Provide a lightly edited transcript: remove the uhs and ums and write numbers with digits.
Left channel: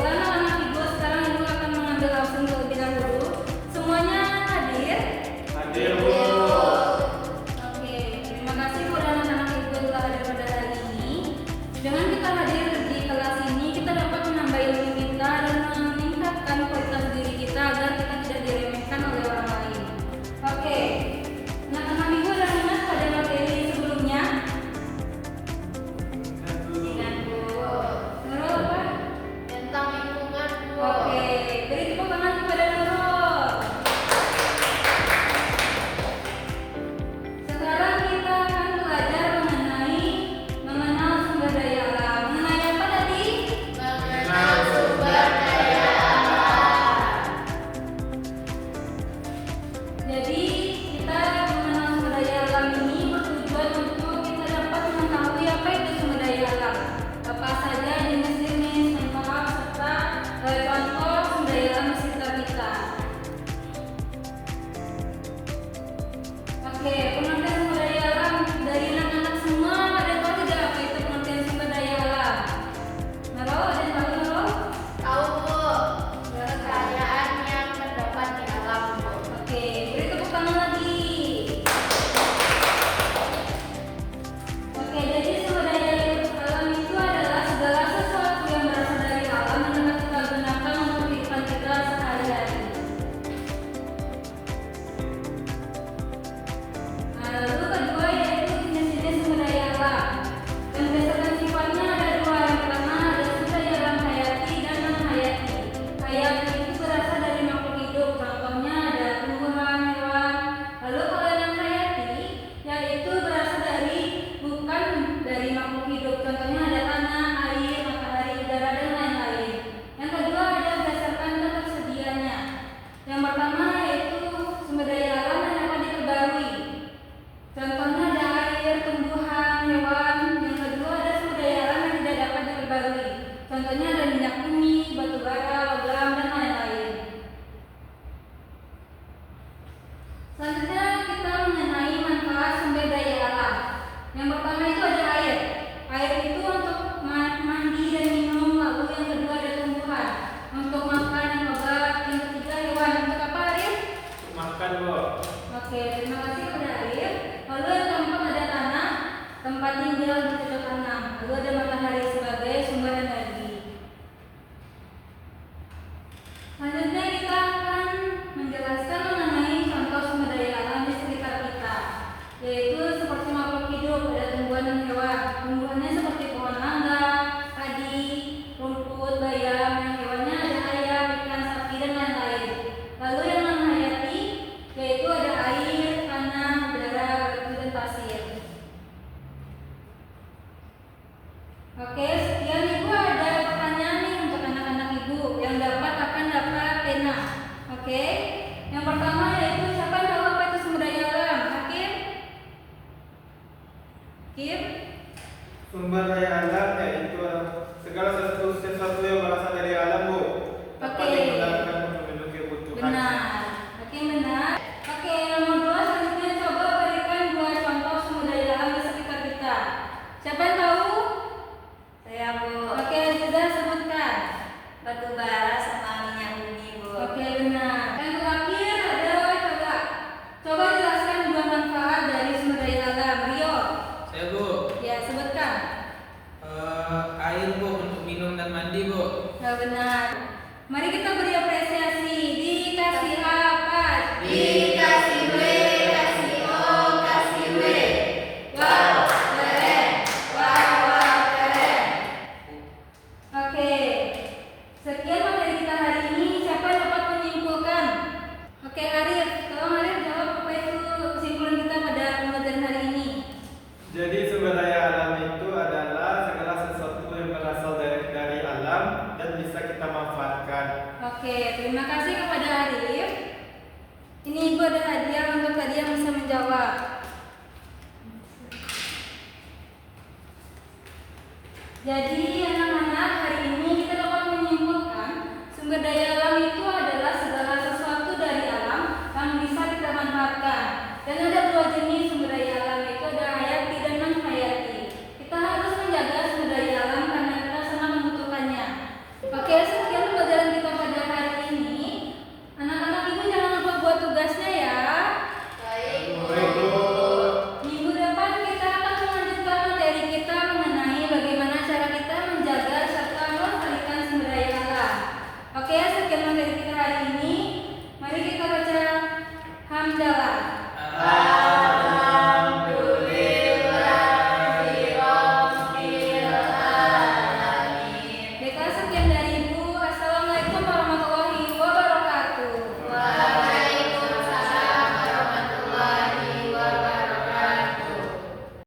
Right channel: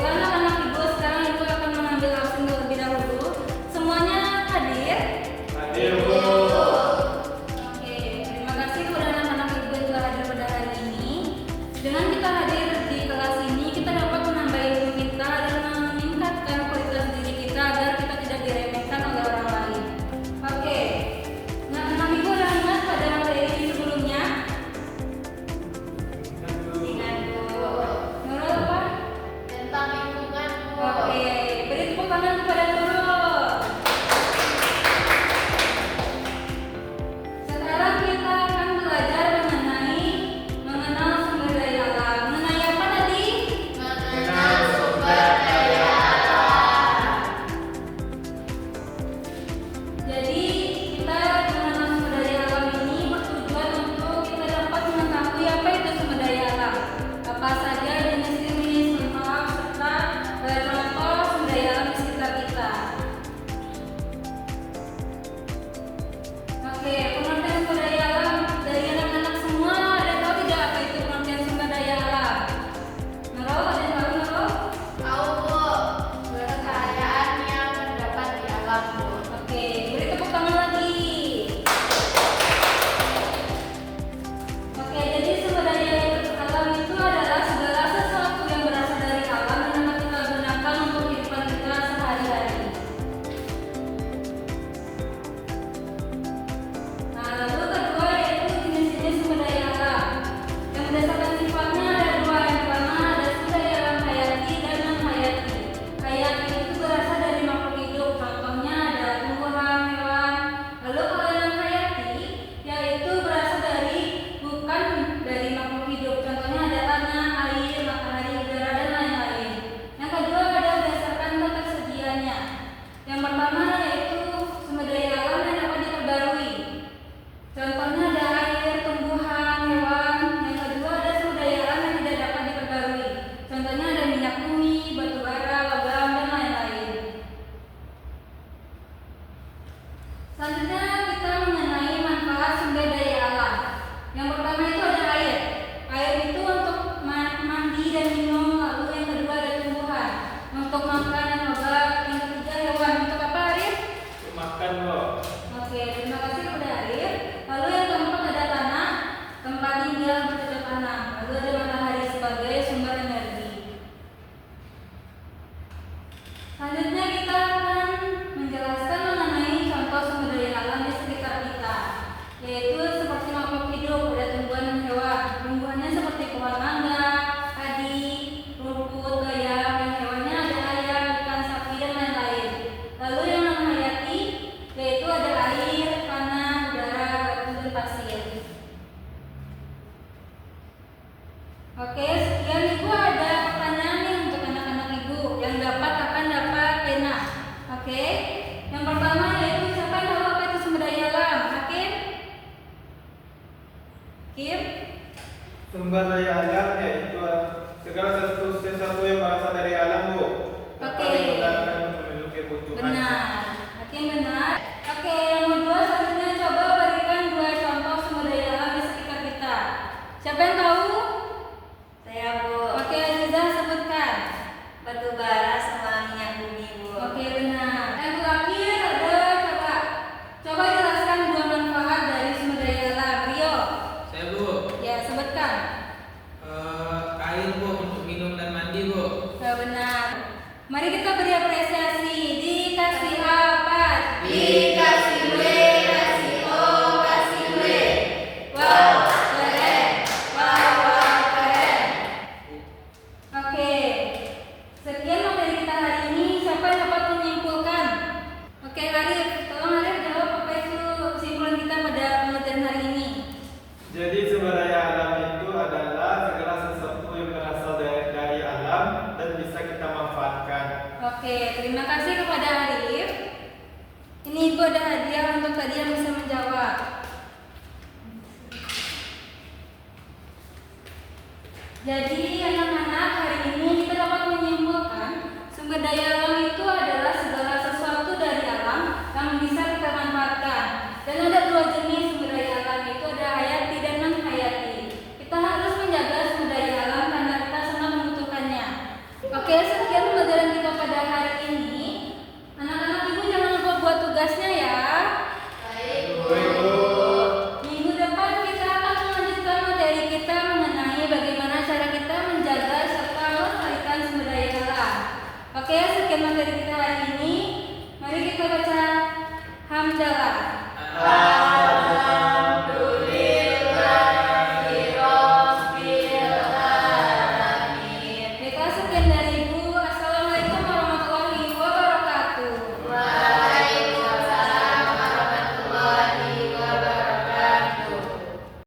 baiklah anak-anak Ibu, sekarang Ibu akan mengambil absen terlebih dahulu. Semuanya hadir? Hadir, Bu. Oke, terima kasih kepada anak-anak Ibu yang telah hadir pada hari ini. Dengan kita hadir di kelas ini, kita dapat menambah ilmu kita dan meningkatkan kualitas diri kita agar kita tidak diremehkan oleh orang lain. Oke, nah teman Ibu sudah ingat pada materi sebelumnya? Nurul apa? Tentang lingkungan, Bu. Oke, beri tepuk tangan kepada Nurul. Sekarang kita akan belajar mengenal sumber daya alam. Mengenai apa tadi? Mengenal sumber daya alam. Jadi kita mengenal sumber daya alam ini bertujuan untuk kita dapat mengetahui apa itu sumber daya alam, apa saja jenis-jenis, manfaat serta contoh sumber daya alam di sekitar kita. Oke, pengertian sumber daya alam dari anak-anak semua ada tahu tidak apa itu pengertian sumber daya alam? Nurul, ada yang tahu Nurul? Tahu, Bu. Kekayaan yang terdapat di alam, Bu. Oke, beri tepuk tangan lagi. Oke, jadi sumber daya alam itu adalah segala sesuatu yang berasal dari alam yang dapat kita gunakan untuk kehidupan kita sehari-hari. Nah, lalu kedua yaitu jenis-jenis sumber daya alam. Yang berdasarkan sifatnya ada dua. Yang pertama ada sumber daya alam hayati dan non-hayati. Hayati itu berasal dari makhluk hidup, contohnya ada tumbuhan, hewan. Lalu kalau yang hayati yaitu berasal bukan dari makhluk hidup, contohnya ada tanah, air, matahari, udara, dan lain-lain. Yang kedua ada berdasarkan ketersediaannya. Yang pertama yaitu sumber daya alam yang dapat diperbarui. Contohnya ada air, tumbuhan, hewan. Yang kedua ada sumber daya alam yang tidak dapat diperbarui. Contohnya ada minyak bumi, batu bara, logam, dan lain-lain. Selanjutnya kita mengenai manfaat sumber daya alam. Yang pertama itu ada air. Air itu untuk mandi dan minum. Lalu yang kedua ada tumbuhan untuk makan dan obat. Yang ketiga hewan untuk apa, Arif? Makan, Bu. Oke, terima kasih kepada Arif. Lalu yang keempat ada tanah, tempat tinggal bercocok tanam. Lalu ada matahari sebagai sumber energi. Selanjutnya kita akan menjelaskan mengenai contoh sumber daya alam di sekitar kita, yaitu seperti makhluk hidup, ada tumbuhan dan hewan. Tumbuhannya seperti pohon mangga, padi, rumput, bayam, dan hewannya ada ayam, ikan, sapi, dan lain-lain. Lalu yang non-hayati yaitu ada air, tanah, udara, batu, dan pasir. Oke, sekian Ibu, ada pertanyaan nih untuk anak-anak Ibu yang akan dapat pena. Oke, yang pertama yaitu siapa yang tahu apa itu sumber daya alam? Hakim? Kim? Sumber daya alam yaitu segala sesuatu yang berasal dari alam, Bu. Dapat Oke. digunakan untuk memenuhi kebutuhan. Benar. Hakim benar. Oke, yang kedua selanjutnya coba berikan dua contoh sumber daya alam di sekitar kita. Siapa yang tahu? Saya, Bu. Oke, sudah sebutkan. Batu bara sama minyak bumi, Bu. Oke, benar. Yang terakhir ada coba jelaskan dua manfaat dari sumber daya alam. Rio, Saya, Bu. ya sebutkan. Air, Bu, untuk minum dan mandi, Bu. Ya benar. Mari kita beri apresiasi. Dikasih apa? Dikasih W, kasih O, kasih W. Wow, keren. Wow, keren. Oke. Sekian materi kita hari ini. Siapa yang dapat menyimpulkan? Oke, Arif. Tolong Arif jawab apa itu kesimpulan kita pada pelajaran hari ini. Jadi sumber daya alam itu adalah segala sesuatu yang berasal dari alam dan bisa kita manfaatkan. Oke, terima kasih kepada Arif. Ini Ibu ada hadiah untuk tadi yang bisa menjawab. Jadi anak-anak, hari ini kita dapat menyimpulkan sumber daya alam itu adalah segala sesuatu dari alam yang bisa kita manfaatkan. Dan ada dua jenis sumber daya alam, itu ada hayati dan non hayati. Kita harus menjaga sumber daya alam karena kita sangat membutuhkannya. Oke, sekian Allah. Amin.